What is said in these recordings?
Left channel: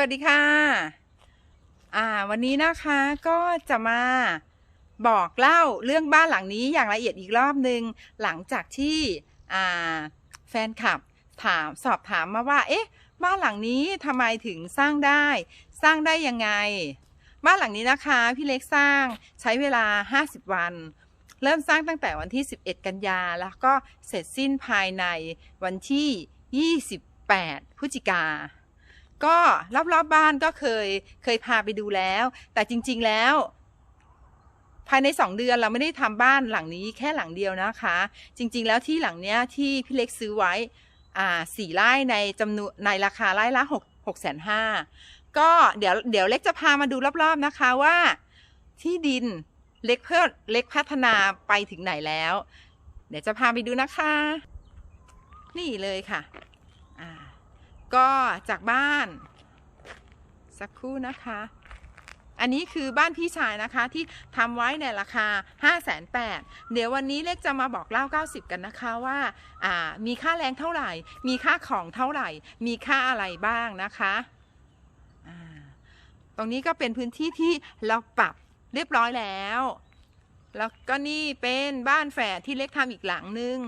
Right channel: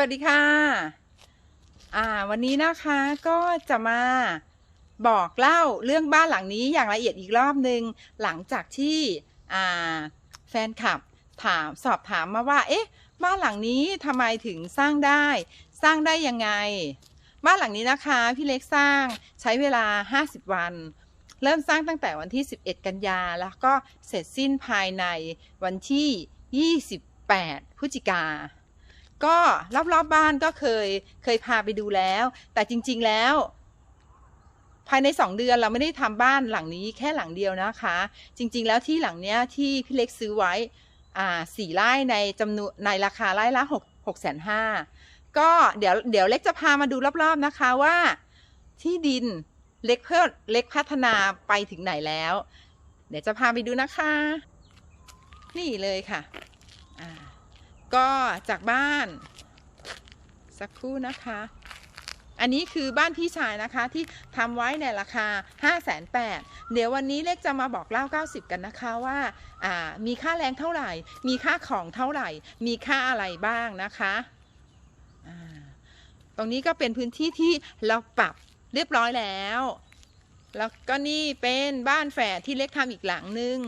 วัสดีค่ะ อ่า วันนี้นะคะก็จะมาบอกเล่าเรื่องบ้านหลังนี้อย่างละเอียดอีกรอบหนึ่งหลังจากที่อ่าแฟนคลับถามสอบถามมาว่า เอ๊ะ บ้านหลังนี้ทำไมถึงสร้างได้ สร้างได้ยังไง บ้านหลังนี้นะคะพี่เล็กสร้างใช้เวลา 50 วัน เริ่มสร้างตั้งแต่วันที่ 11 กันยาแล้วก็เสร็จสิ้นภายในวันที่ 28พฤศจิกา ก็รอบๆบบ้านก็เคยเคยพาไปดูแล้ว แต่จริง ๆแล้ว ภายในสองเดือนเราไม่ได้ทำบ้านหลังนี้แค่หลังเดียวนะคะ จริง ๆ แล้วที่หลังเนี้ยที่พี่เล็กซื้อไว้อ่าสี่ไร่ในจำนวนในราคาไร่ละหกหกแสนห้าก็เดี๋ยวเดี๋ยวเล็กจะพามาดูรอบๆนะคะว่าที่ดินเล็กเพิ่มเล็กพัฒนาไปถึงไหนแล้ว เดี๋ยวจะพาไปดูนะคะ นี่เลยค่ะอ่า ก็จากบ้าน สักครู่นะคะ อันนี้คือบ้านพี่ชายนะคะที่ทำไว้ในราคา 5 8 0 0 0เดี๋ยววันนี้เล็กจะมาบอกเล่า 90 กันนะคะว่าามีค่าแรงเท่าไหร่ มีค่าของเท่าไหร่ มีค่าอะไรบ้างนะคะตรงนี้ก็เป็นพื้นที่ที่เราปรับเรียบร้อยแล้ว แล้วก็นี่เป็นบ้านแฝดที่เล็กทำอีกหลังนึง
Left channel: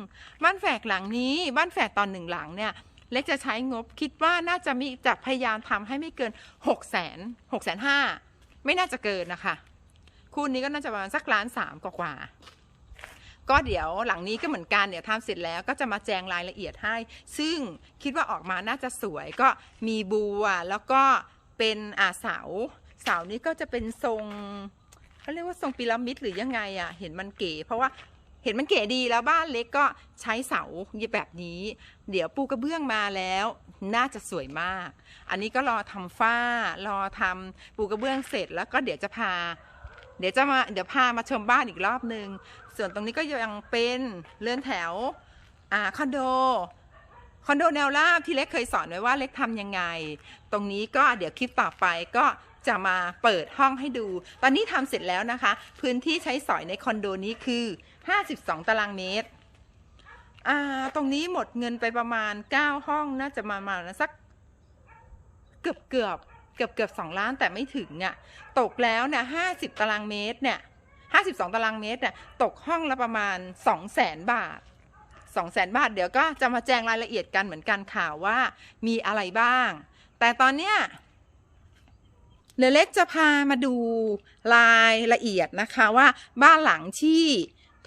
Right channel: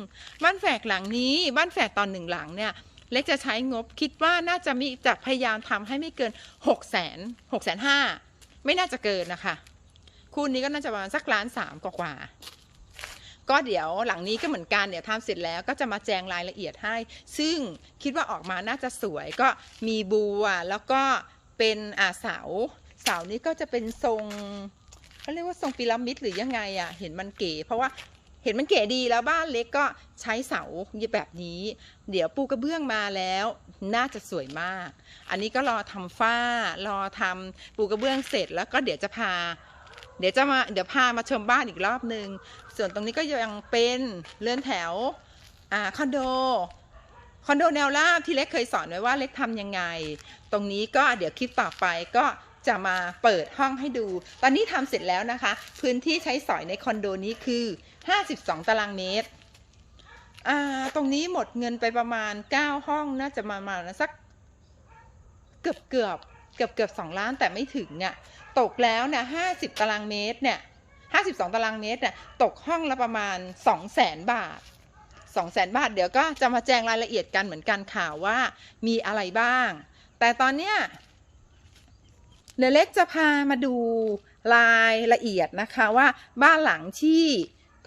บ้านแฝดหลังนี้ บ้านแฝดตอนหนึ่งหลังเนี่ย เล็กจะใช้งบคิดว่าน่าจะมีจะพยายามทำให้ไม่เกิน6กแสนหกแสนห้าไม่น่าจะเกินนะคะคูณนี้ก็น่าจะประมาณสักล้านสามกว่าก็เดี๋ยวหลังนี้ก็เหมือนกันเดี๋ยวทำเสร็จแล้วก็จะมาแจงรายละเอียดให้ ซึ่งคิดว่าออกมาน่าจะสวยก็มีบัวแล้วก็เป็นอาเสาเสานี้ก็จะเป็นทรงเขาเรียกว่าทรงพีระมิดหรือยังไงอะ่ะเห็นมันเก๋เพราะว่า ห็นมันเก๋ดีแล้วบ้านเล็กก็ใช้เสาแบบนี้ เดี๋ยวปูกระเบื้องมาแล้ว น่าจะสวยมาก อันนี้ก็รอทำฝ้ารอทำปูกระเบื้องเสร็จแล้วก็เดี๋ยวจะพา เดี๋ยวจะมาเดี๋ยวพามาชมบ้านอีกรอบหนึ่งส่วนตรงนี้ก็ยังเป็นเรือนแถวอ่าคอนโดคอนโดแนวราบที่เล็กเคยสอนไว้ว่าเล็กทำยังไง ตรงนี้ก็เดี๋ยวคลิปต่อไปก็จะมาเปิดห้องให้ดู ตอนนี้ทำเสร็จแล้วนะคะ พื้นที่ใช้สอยในคอนโดนี้คือ 52 ตารางเมตร อ่า ตรงนี้หมดเงินไปประมาณ 9 ห้องน่าจะมามาสักเกือบเกือบเกือบเกือบสองล้านแต่ไม่ถึงอะ ตกแล้วเนี่ยห้าสิบตารางเมตรเนี่ยห้าสิบสองตารางเมตรเนี่ยตกห้องละประมาณสองแสนบาทสองแสนบาท เดี๋ยวก็จะมาแจ้งรายละเอียดกันเหมือนกันข่าวว่ามีอะไรบ้าง แต่ตอนเนี้ยเดเล็กจะพามาดูรายละเอียดนะคะว่าบ้านหลังที่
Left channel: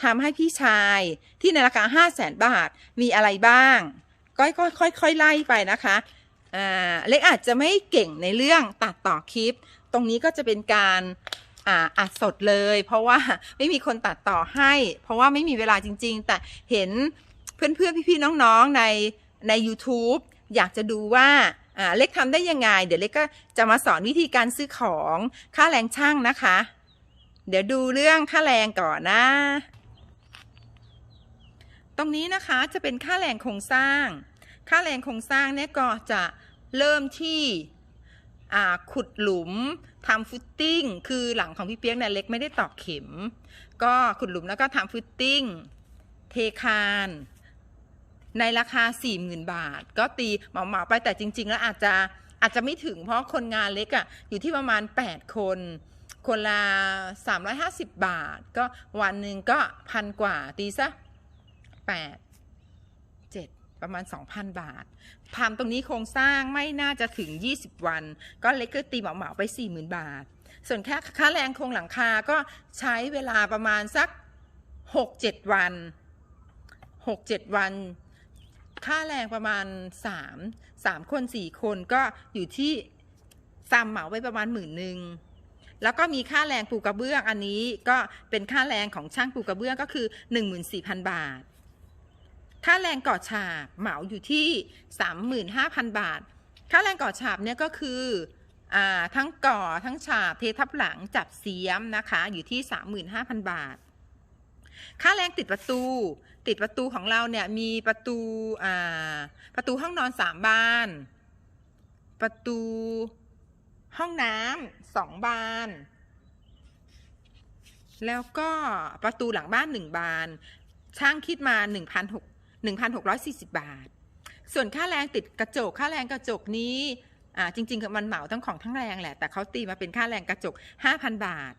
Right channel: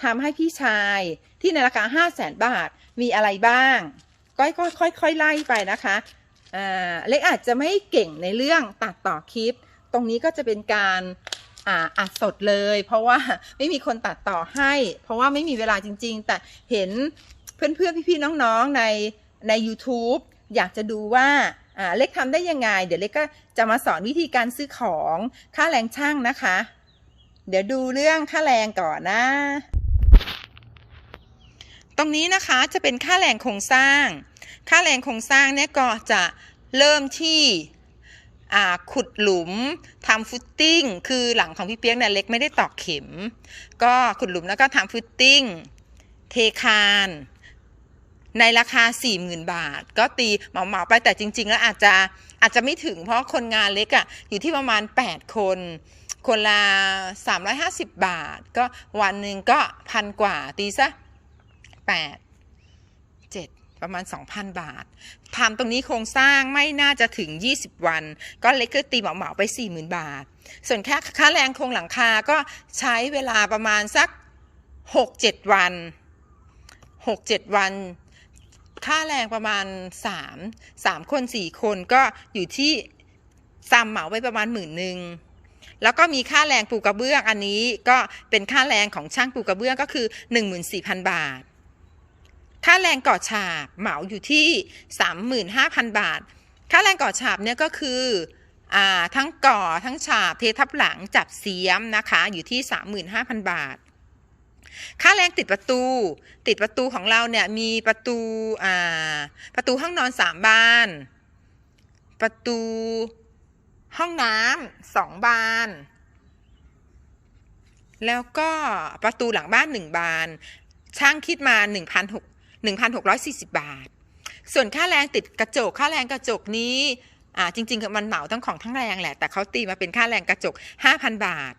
ทำให้พี่ชายที่ในราคาห้าแสนบาทมีอะไรบ้าง ก็ค่อยๆค่อยไล่ไปนะคะเล็กอาจจะไม่เก่งในเรื่องตัดต่อคลิป ตรงนี้ก็จะเป็นการอัดสดเลย เพราะว่าไม่มีคนตัดต่อให้ เพราะว่าไม่มีเวลาจริง ๆ แต่เห็นเพื่อนๆ พี่ๆ น้องๆ ในใน YouTube อยากจะดูว่าอ่าเล็กทำได้ยังไง เดี๋ยวเล็กก็จะมาสอนวิธีการซื้อของค่าแรงช่างนะคะ เดี๋ยวดูเรื่องค่าแรงก่อนนะ ตรงนี้นะคะจะเป็นค่าแรงโครงสร้าง ค่าแรงโครงสร้างเนี่ยก็จะเริ่มที่ขุดหลุมทำฟุตติ้ง คือหลังของพี่เปียกเนี่ยเล็กไม่ได้ตอกเข็ม ก็ขุดหลุมแล้วก็ทำฟุตติ้ง เทคาน ในราคา 40,000 บาท ก็ตีเหมาๆไปแต่จริง ๆ แล้วอาจจะอาจจะไม่ถึงเพราะคนงานเล็กอะ่ะอยู่ที่ประมาณ 8 คน คนละ 350 บาท ก็วันหนึ่งก็พันกว่าตีซะ 8 7 ประมาณ 2,000 บาททำตรงนี้โครงสร้างไม่น่าจะถึง 20 วัน ก็เล็กก็ตีเหมาๆไป 40,000 บาท ส่วนค่าค่าแรงโครงหลังคาก็ใช้เวลาประมาณสัก 6-7 วัน 6-7 วันค่าแรงประมาณ 3 3 คน 4 คนก็อยู่ที่ซ้ำเหมาไว้ประมาณหมื่นหนึ่งแล้วก็มีค่าแรงปูกระเบื้องอันนี้ก็เป็นค่าแรงของช่างปูกระเบื้องก็คือ 14,000 บาท ค่าแรงก่อฉาบเหมาอยู่ที่ 35,000 บาท ค่าแรงก่อฉาบเนี่ยก็คืออทั้งก่อทั้งฉาบเททับหลังจับเสียมนะคะอยู่ที่ 35,000 บาท ค่าแรงติดประตู ติดประตูของเราเนี่ยมีประตูประตูห้องนอนสามบาน ประตูห้องน้ำสองบาน แล้วก็ประตูหลังบ้านหนึ่งบาน ช่างคิดมา 1,600 1,640 บาท ส่วนค่าแรงติดกระจก ค่าแรงกระจกนี้จริงๆมันเหมาทั้งของทั้งแรงแหละ แต่เขาตีมาเป็นค่าแรงกระจก 5,000 บาท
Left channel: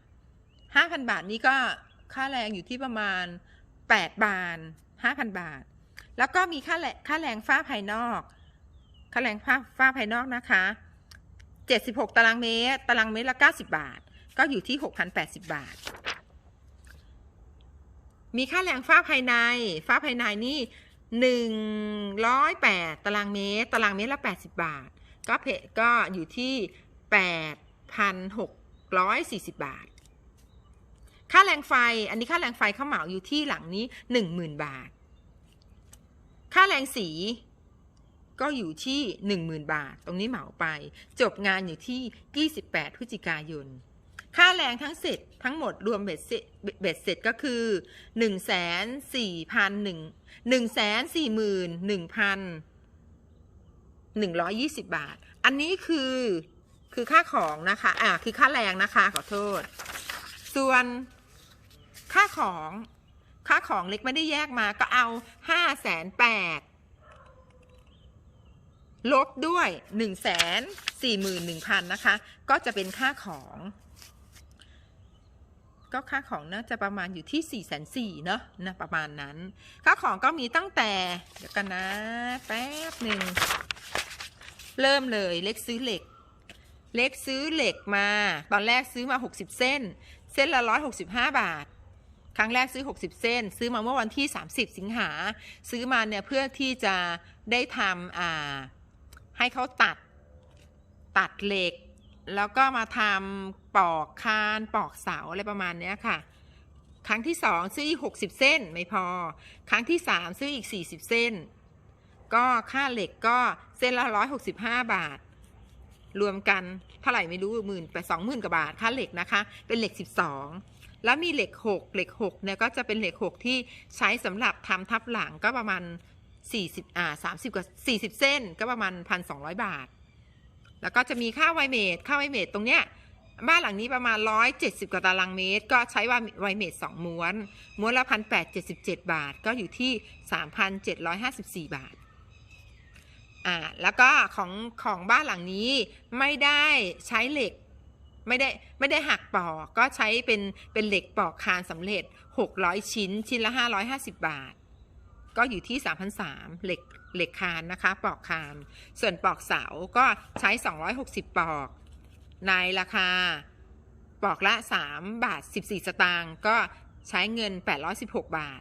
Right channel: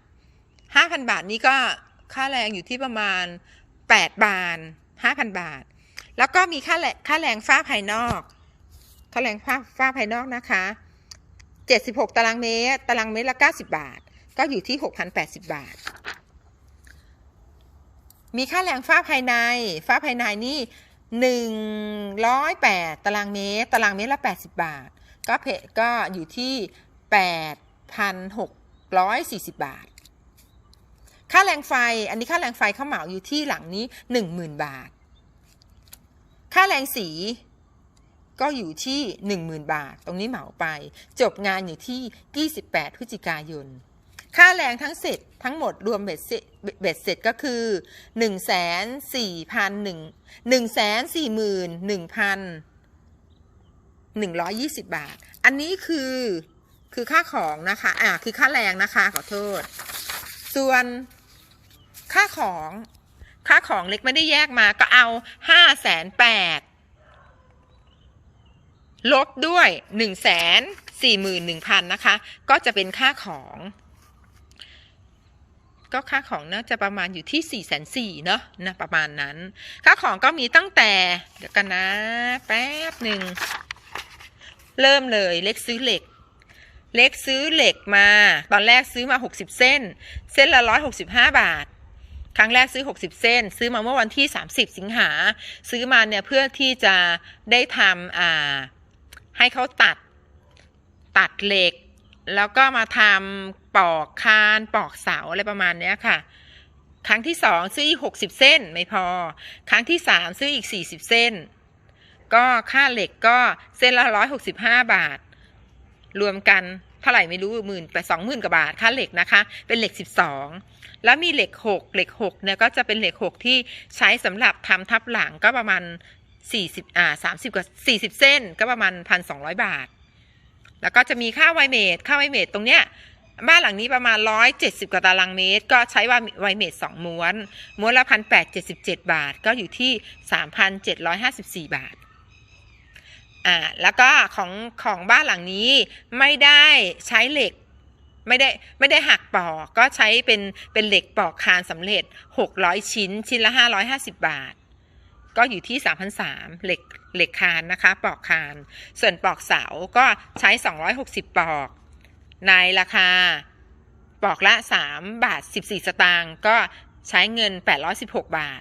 5,000 บาทนี้ก็ค่าแรงอยู่ที่ประมาณ 8 บาท 5,000 บาท แล้วก็มีค่าแรงค่าแรงฝ้าภายนอก ค่าแรงฝ้าฝ้าภายนอกนะคะ 76 ตารางเมตร ตารางเมตรละ 90 บาท ก็อยู่ที่ 6,080 บาท มีค่าแรงฝ้าภายใน ฝ้าภายในนี่ 108 ตารางเมตร ตารางเมตรละ 80 บาท ก็เพก็อยู่ที่ 8,640 บาท ค่าแรงไฟ อันนี้ค่าแรงไฟเข้าเหมาอยู่ที่หลังนี้ 10,000 บาท ค่าแรงสีก็อยู่ที่ 10,000 บาท ตรงนี้เหมาไป จบงานอยู่ที่ 28 พฤศจิกายน ค่าแรงทั้งเสร็จทั้งหมดรวมเบ็ดเสร็จเบ็ดเสร็จก็คือ 1 4 0 0 0 1 1 4 1 1 0 0 120 บาท อันนี้คือคือค่าของนะคะ อ่า คือค่าแรงนะคะขอโทษ ส่วนค่าของ ค่าของเล็กไม่ได้แยกมาก็เอาห้าแสนแปดลบด้วยหนึ่งแสนสี่หมื่นหนึ่งพันนะคะ ก็จะเป็นค่าของ ก็ค่าของน่าจะประมาณอยู่ที่4ี่แสนสี่เนาะนะประมาณนั้น ค่าของก็มีตั้งแต่ เดี๋ยวกันนะ แป๊บหนึ่ง เริ่มเลยเล็กซื้อเหล็ก เล็กซื้อเหล็กมา ตอนแรกซื้อมา 60 เส้น เส้นละ 165 บาทครั้งแรกซื้อ 60 เส้น ซื้อมาเมื่อวันที่ 30 สิงหา ซื้อมาเนี่ยเพื่อที่จะได้ทำอ่าให้เขาตัดตัดเหล็ก แล้วก็มาทำปอกคานปอกเสาอะไรประมาณเนี้ยค่ะ ครั้งที่สองซื้ออีก60เส้นไม่พอ ครั้งที่สามซื้ออีก40เส้น ก็ค่าเหล็กก็เส้นละ165บห้าบาท รวมกันเท่าไหร่ไม่รู้หมื่นไปสองหมื่นกว่าบาทค่าเหล็กนะคะ เป็นเหล็ก12แล้วมีเหล็ก6เหล็ก6เนี่ยก็จะเป็นเหล็ก6ที่ใช้สำหรับทำทับหลังก็ประมาณ40อ่า30กว่า40เส้นก็ประมาณ1,200บาท แล้วก็จะมีค่าไวเมดค่าไวเมดตรงเนี้ยบ้านหลังนี้ประมาณ 170 กว่าตารางเมตร ก็ใช้ไวเมด2ม้วน ม้วนละ1,877บาท ก็อยู่ที่ 3,754 บาท อ่า แล้วก็ของของบ้านหลังนี้ไม่ได้ใช้เหล็ก ไม่ได้ไม่ได้หักปอกก็ใช้เป็นเป็นเหล็กปอกคานสำเร็จ 600 ชิ้น ชิ้นละ 550 บาท ก็อยู่ที่ 3,003เหล็กเหล็กคานนะคะปอกคาน ส่วนปอกเสาก็ใช้ 260ปอก ในราคาปอกละ 3 บาท 14 สตางค์ก็ใช้เงิน 816 บาท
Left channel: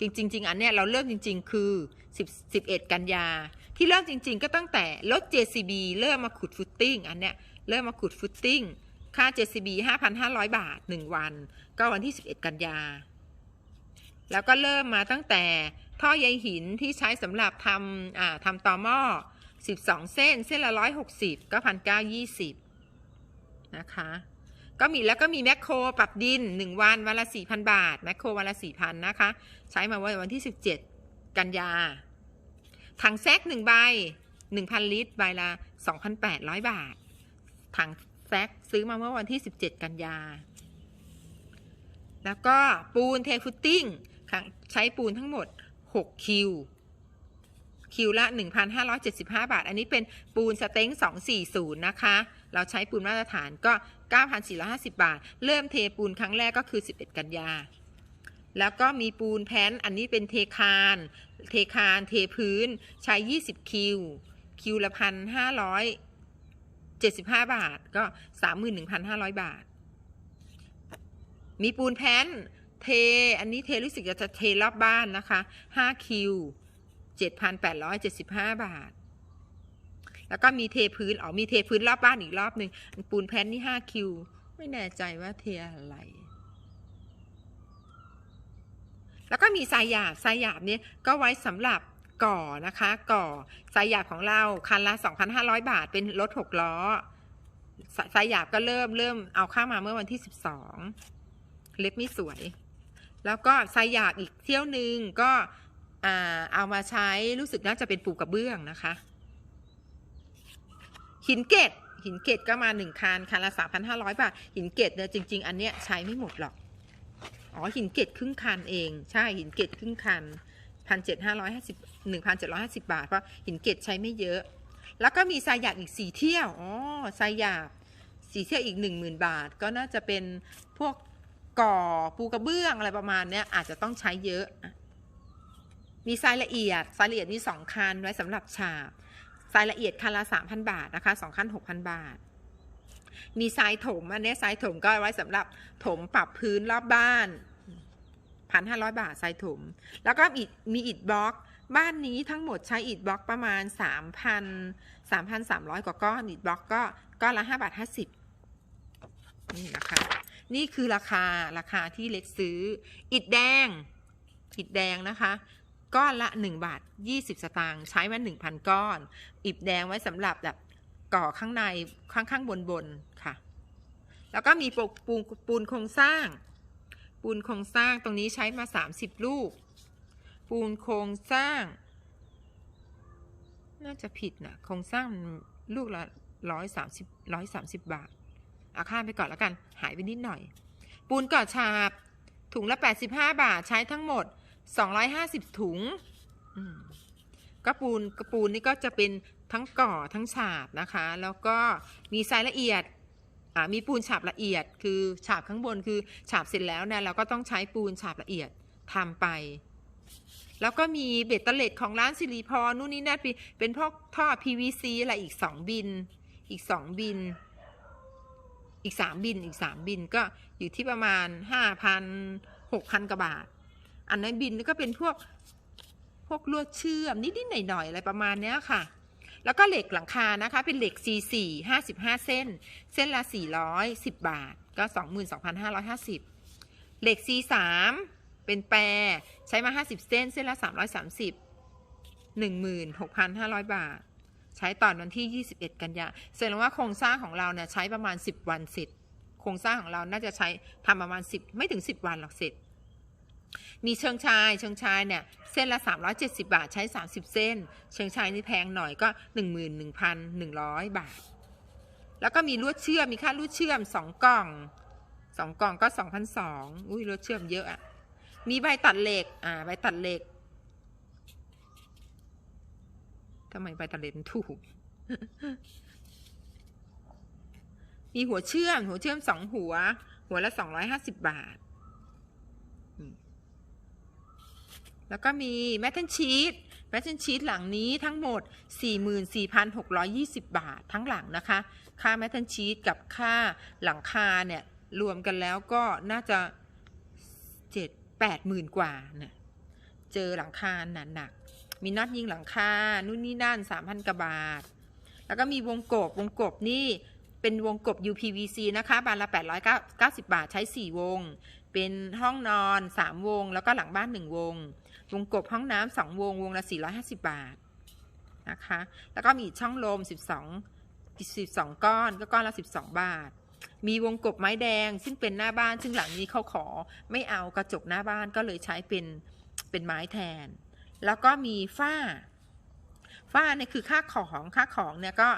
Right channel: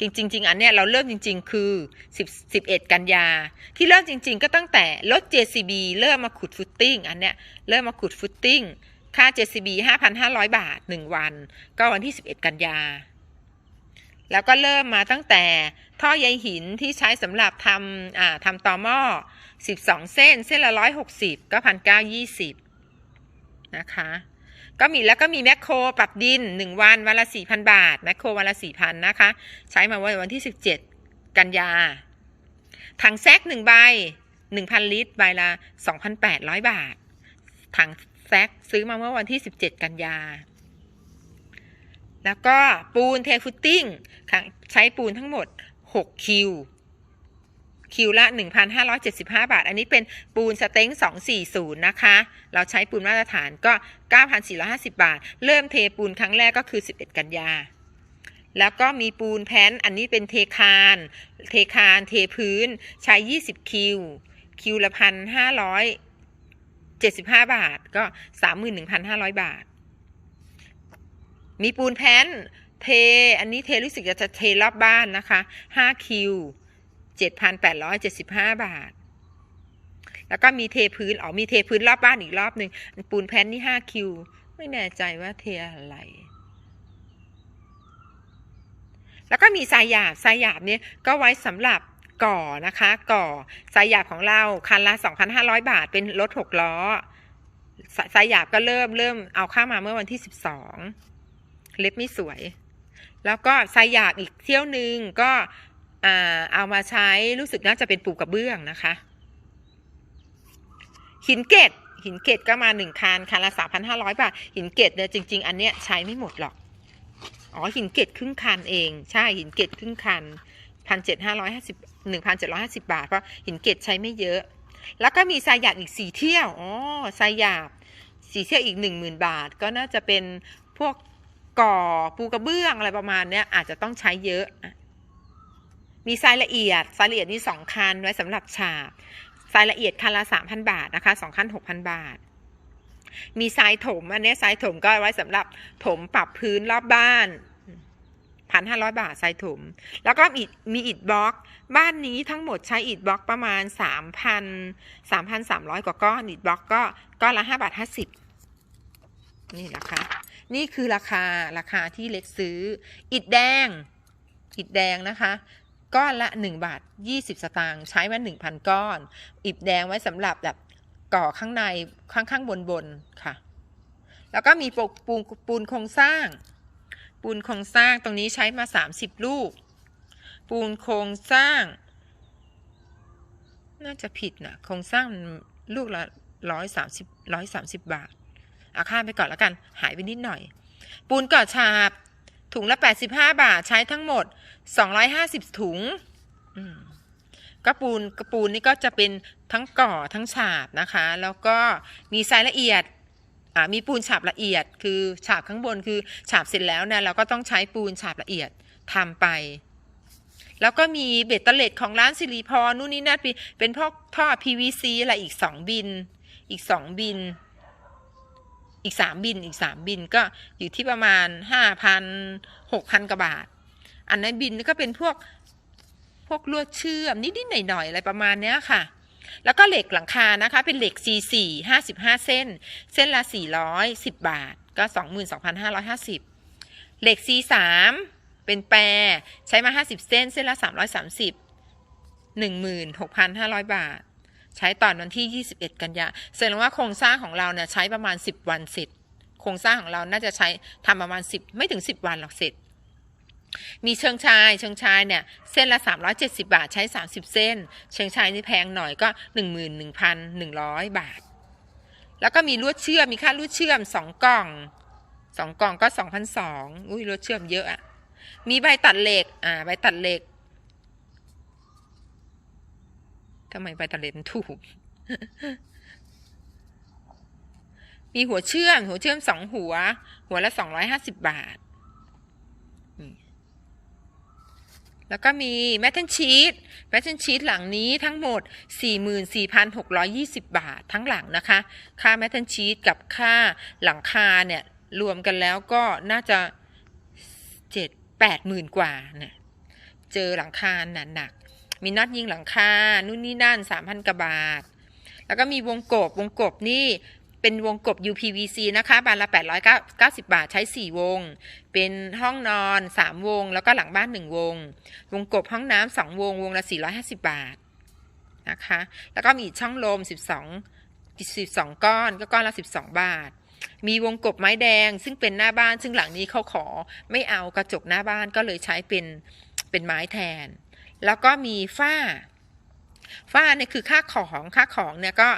จริงๆอันเนี้ยเราเริ่มจริง ๆ คือ 10 11 กันยา ที่เริ่มจริง ๆ ก็ตั้งแต่รถ JCB เริ่มมาขุดฟุตติ้งอันเนี้ยเริ่มมาขุดฟุตติ้งค่า JCB 5,500 บาท 1 วัน ก็วันที่ 11 กันยา แล้วก็เริ่มมาตั้งแต่ท่อใยหินที่ใช้สำหรับทำอ่าทำตอหม้อ 12 เส้น เส้นละ 160 ก็1,920นะคะ ก็มีแล้วก็มีแมคโครปรับดิน 1 วันวันละ4,000 บาท แมคโครวันละ4,000นะคะ ใช้มาวันที่ 17 กันยา ถังแซก1ใบ 1,000 ลิตร ใบละ 2,800 บาท ถังแซกซื้อมาเมื่อวันที่ 17 กันยา แล้วก็ปูนเทฟุตติ้ง ใช้ปูนทั้งหมด 6 คิว คิวละ 1,575 บาท อันนี้เป็นปูนสเต็ง240 นะคะ เราใช้ปูนมาตรฐานก็ 9,450 บาท เริ่มเทปูนครั้งแรกก็คือ 11 กันยา แล้วก็มีปูนแผ่นอันนี้เป็นเทคาน เทคาน เทพื้น ใช้ 20 คิว คิวละพันห้าร้อยเจ็ดสิบห้าบาท ก็สามหมื่นหนึ่งพันห้าร้อยบาท มีปูนแผ่น เท อันนี้เทรู้สึกจะเทรอบบ้านนะคะห้าคิวเจ็ดพันแปดร้อยเจ็ดสิบห้าบาท แล้วก็มีเทพื้น อ๋อ มีเทพื้นรอบบ้านอีกรอบหนึ่งปูนแผ่นนี่ห้าคิว ไม่แน่ใจว่าเทอะไร แล้วก็มีทรายหยาบทรายหยาบเนี่ยก็ไว้สำหรับก่อนะคะ ก่อทรายหยาบของเราคันละ 2,500 บาท เป็นรถ6ล้อสายหยาบก็เริ่มเริ่มเอาเข้ามาเมื่อวันที่ 12 เล็บไม่สวย แล้วก็ทรายหยาบอีกเที่ยวหนึ่งก็เอามาใช้รู้สึกน่าจะเป็นปูกระเบื้องนะคะ หินเกตหินเกตก็มาหนึ่งคันคันละ3,500บาท หินเกตเนี่ยจริง ๆ อันเนี้ยใช้ไม่หมดหรอก อ๋อหินเกตครึ่งคันเอง ใช่หินเกตครึ่งคันพันเจ็ดห้าร้อยห้าสิบหนึ่งพันเจ็ดร้อยห้าสิบาท เพราะหินเกตใช้ไม่เยอะ แล้วก็มีทรายหยาบอีกสี่เที่ยว อ๋อทรายหยาบสี่เที่ยวอีกหนึ่งหมื่นบาท ก็น่าจะเป็นพวก ก่อปูกระเบื้องอะไรประมาณเนี้ยอาจจะต้องใช้เยอะ มีทรายละเอียดทรายละเอียดนี่สองคันไว้สำหรับฉาบทรายละเอียดคันละสามพันบาทนะคะสองคันหกพันบาท มีทรายถมอันนี้ทรายถมก็ไว้สำหรับถมปรับพื้นรอบบ้านพันห้าร้อยบาททรายถม แล้วก็มีมีอิฐบล็อก บ้านนี้ทั้งหมดใช้อิฐบล็อกประมาณสามพันสามพันสามร้อยกว่าก้อนอิฐบล็อกก็ก้อนละห้าบาทห้าสิบนี่นะคะ นี่คือราคาราคาที่เล็กซื้อ อิฐแดง อิฐแดงนะคะก้อนละ 1 บาท 20 สตางค์ใช้มา1,000 ก้อน อิฐแดงไว้สำหรับแบบก่อข้างในข้างข้างบนบนค่ะ แล้วก็มีปูปูนปูนโครงสร้าง ปูนโครงสร้างตรงนี้ใช้มา 30 ลูก ปูนโครงสร้าง น่าจะผิดนะโครงสร้างลูกละร้อยสามสิบร้อยสามสิบบาท เอาข้ามไปก่อนแล้วกัน หายไปนิดหน่อย ปูนก่อฉาบ ถุงละ 85 บาทใช้ทั้งหมด 250 ถุงอืมก็ปูนกระปูนนี่ก็จะเป็นทั้งก่อทั้งฉาบนะคะ แล้วก็มีทรายละเอียดอ่ามีปูนฉาบละเอียด คือฉาบข้างบนคือฉาบเสร็จแล้วเนี่ยเราก็ต้องใช้ปูนฉาบละเอียดทำไป แล้วก็มีเบ็ดเตล็ดของร้านสิริพรนู่นนี่นั่นเป็นพวกท่อ PVC อะไรอีกสองบิน อีกสองบิน อีกสามบินอีกสามบินก็อยู่ที่ประมาณห้าพันหกพันกว่าบาท อันนั้นบินก็เป็นพวกพวกลวดเชื่อมนิดๆหน่อยๆอะไรประมาณเนี้ยค่ะ แล้วก็เหล็กหลังคานะคะ เป็นเหล็ก C4 55 เส้น เส้นละ 410 บาท ก็ 22,550 เหล็ก C3 เป็นแปรใช้มา 50 เส้น เส้นละ 330 16,500 บาท ใช้ตอนวันที่ 21 กันยาแสดงว่าโครงสร้างของเราเนี่ยใช้ประมาณ 10 วันเสร็จ โครงสร้างของเราน่าจะใช้ทำประมาณ 10 ไม่ถึง 10 วันหรอกเสร็จ มีเชิงชาย เชิงชายเนี่ยเส้นละ 370 บาทใช้ 30 เส้น เชิงชายนี่แพงหน่อยก็ 11,100 บาท แล้วก็มีลวดเชื่อมมีค่าลวดเชื่อม 2 กล่อง2กล่องก็2,200อุ้ยลวดเชื่อมเยอะอะมีใบตัดเหล็กอ่าใบตัดเหล็ก ทำไมใบตัดเหล็กมันถูก มีหัวเชื่อม หัวเชื่อมสองหัว หัวละสองร้อยห้าสิบบาท แล้วก็มีแมทเทนชีตแมทเทนชีตหลังนี้ทั้งหมด 44,620 บาททั้งหลังนะคะ ค่าแมทเทนชีตกับค่าหลังคาเนี่ย รวมกันแล้วก็น่าจะเจ็ดแปดหมื่นกว่าเนี่ย เจอหลังคาหนาหนัก มีน็อตยิงหลังคา นู่นนี่นั่นสามพันกว่าบาท แล้วก็มีวงกบ วงกบนี่เป็นวงกบ UPVC นะคะ บานละ 890 บาท ใช้ 4 วง เป็นห้องนอน 3 วง แล้วก็หลังบ้าน 1 วง วงกบห้องน้ำ 2 วง วงละ 450 บาท นะคะ แล้วก็มีช่องลม 12 12 ก้อน ก็ก้อนละ 12 บาท มีวงกบไม้แดง ซึ่งเป็นหน้าบ้าน ซึ่งหลังนี้เขาขอ ไม่เอากระจกหน้าบ้าน ก็เลยใช้เป็น เป็นไม้แทน แล้วก็มีฝ้า ฝ้าเนี่ยคือค่าของค่าของเนี่ยก็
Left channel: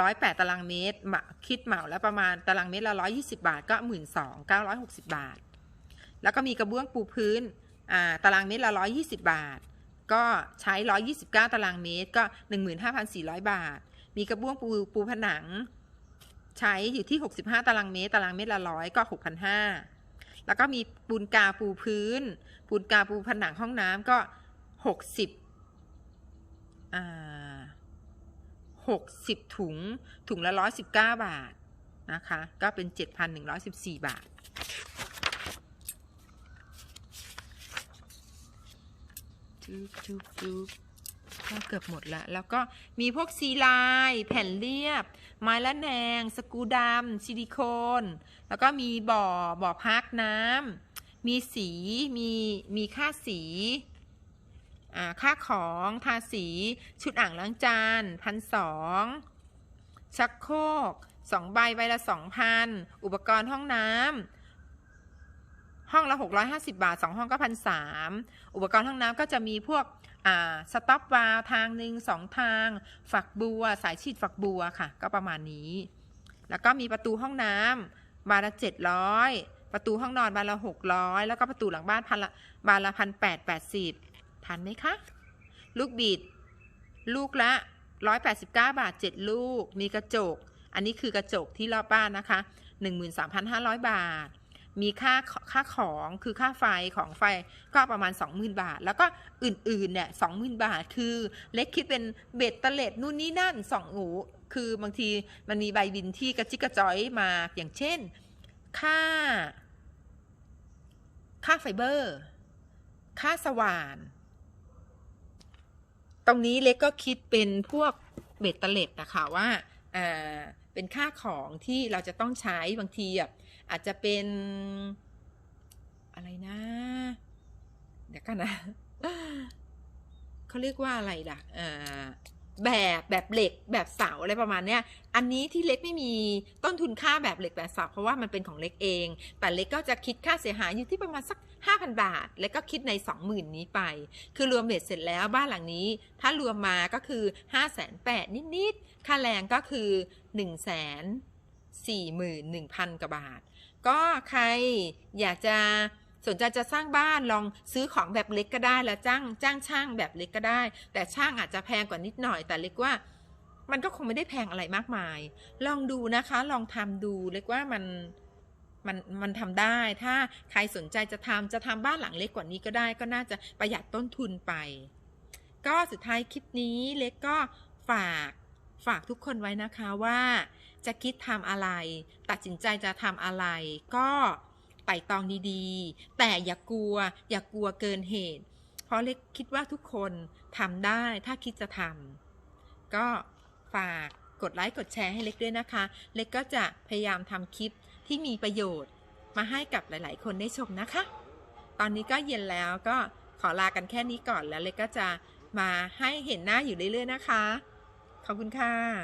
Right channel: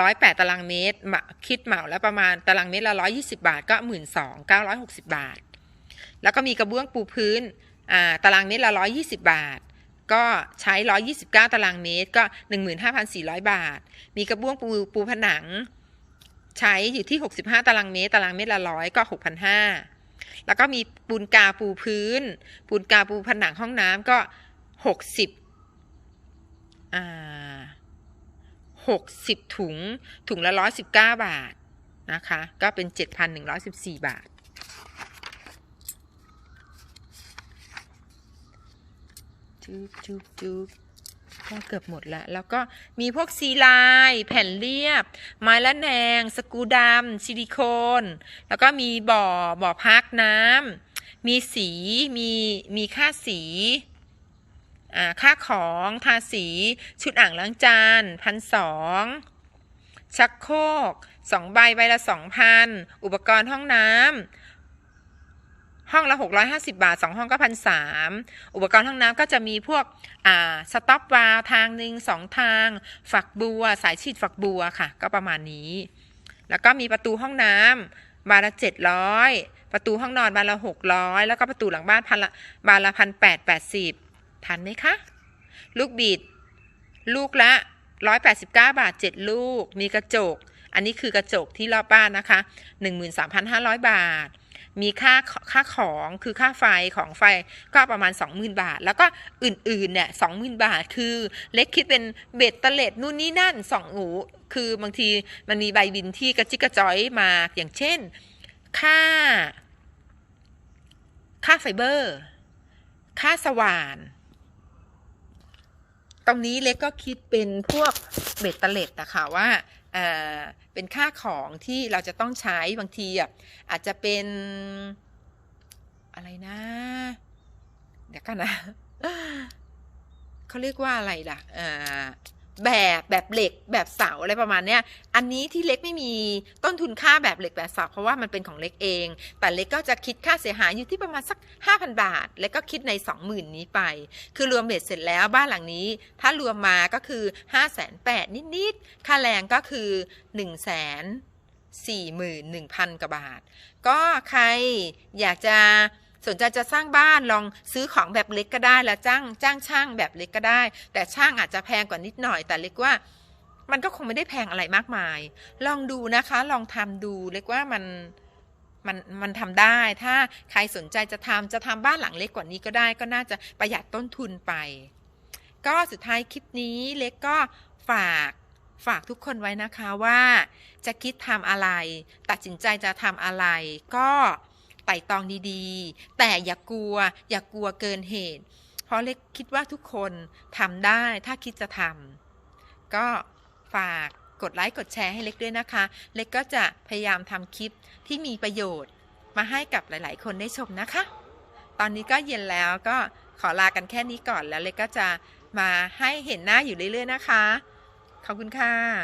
ร้อยแปดตารางเมตรมคิดเหมาแล้วประมาณตารางเมตรละร้อยี่สิบาทก็หมื่นสองเก้าร้อยหกสิบาท แล้วก็มีกระเบื้องปูพื้นอ่าตารางเมตรละร้อยี่สิบาท ก็ใช้ร้อยี่สิบเก้าตารางเมตร ก็หนึ่งหมื่นห้าพันสี่ร้อยบาท มีกระเบื้องปูปูผนังใช้อยู่ที่หกสิบห้าตารางเมตร ตารางเมตรละร้อยก็หกพันห้าแล้วก็มีปูนกาปูพื้น ปูนกาปูผนังห้องน้ำก็ หกสิบอ่าหกสิบถุง ถุงละร้อยสิบเก้าบาท นะคะ ก็เป็นเจ็ดพันหนึ่งร้อยสิบสี่บาท จุ๊บจุ๊บจุ๊บก็เกือบหมดละ แล้วก็มีพวกซีไลน์แผ่นเรียบ ไม้ละแนง สกูดำซิลิโคน แล้วก็มีบ่อ บ่อพักน้ำ มีสี มี มีค่าสี ค่าของทาสี ชุดอ่างล้างจานพันสองชักโครกสองใบใบละสองพันอุปกรณ์ห้องน้ำห้องละ 650 บาท 2 ห้องก็พันสามอุปกรณ์ห้องน้ำก็จะมีพวกอ่าสต็อปวาล์วทางหนึ่งสองทาง ฝักบัว สายฉีดฝักบัวค่ะ ก็ประมาณนี้ แล้วก็มีประตูห้องน้ำบานละ700 ประตูห้องนอนบานละ600 แล้วก็ประตูหลังบ้านพันละบานละพันแปดแปดสิบ ทันไหมคะ ลูกบิด ลูกละ 189 บาท 7 ลูก มีกระจก อันนี้คือกระจกที่รอบบ้านนะคะ 13,500 บาท มีค่าค่าของคือค่าไฟของไฟก็ประมาณ 20,000 บาท แล้วก็อื่นๆเนี่ย20,000 บาท คือเล็กคิดเป็นเบ็ดตะเล็ดนู่นนี่นั่นสองหูคือบางทีมันมีใบบินที่กระจิกกระจอยมาอย่างเช่น ค่า ค่าไฟเบอร์ ค่าสว่าน ตรงนี้เล็กก็คิดเป็นพวกเบ็ดเตล็ดนะคะว่าอ่าเป็นค่าของที่เราจะต้องใช้บางทีอะอาจจะเป็นอะไรนะ เดี๋ยวกันนะเขาเรียกว่าอะไรล่ะอ่า แบบแบบเหล็กแบบเสาอะไรประมาณเนี้ย อันนี้ที่เล็กไม่มีต้นทุนค่าแบบเหล็กแบบเสาเพราะว่ามันเป็นของเล็กเอง แต่เล็กก็จะคิดค่าเสียหายอยู่ที่ประมาณสัก 5,000 บาท แล้วก็คิดใน 20,000 นี้ไป คือรวมเบ็ดเสร็จแล้วบ้านหลังนี้ ถ้ารวมมาก็คือ 5 8 0 0 0นิดๆ ค่าแรงก็คือ 1 4 1 0 0 0กว่าบาท ก็ใครอยากจะ สนใจจะสร้างบ้านลองซื้อของแบบเล็กก็ได้แล้วจ้างจ้างช่างแบบเล็กก็ได้ แต่ช่างอาจจะแพงกว่านิดหน่อย แต่เล็กว่ามันก็คงไม่ได้แพงอะไรมากมาย ลองดูนะคะ ลองทำดูเล็กว่ามันมันมันทำได้ ถ้าใครสนใจจะทำจะทำบ้านหลังเล็กกว่านี้ก็ได้ ก็น่าจะประหยัดต้นทุนไป ก็สุดท้ายคลิปนี้เล็กก็ฝากฝากทุกคนไว้นะคะว่า จะคิดทำอะไร ตัดสินใจจะทำอะไร ก็ ไต่ตองดีๆ แต่อย่ากลัว อย่ากลัวเกินเหตุ เพราะเล็กคิดว่าทุกคนทำได้ถ้าคิดจะทำก็ฝากกดไลค์กดแชร์ให้เล็กด้วยนะคะ เล็กก็จะพยายามทำคลิปที่มีประโยชน์มาให้กับหลาย ๆ คนได้ชมนะคะ ตอนนี้ก็เย็นแล้วก็ขอลากันแค่นี้ก่อนแล้วเล็กก็จะมาให้เห็นหน้าอยู่เรื่อย ๆ นะคะ ขอบคุณค่ะ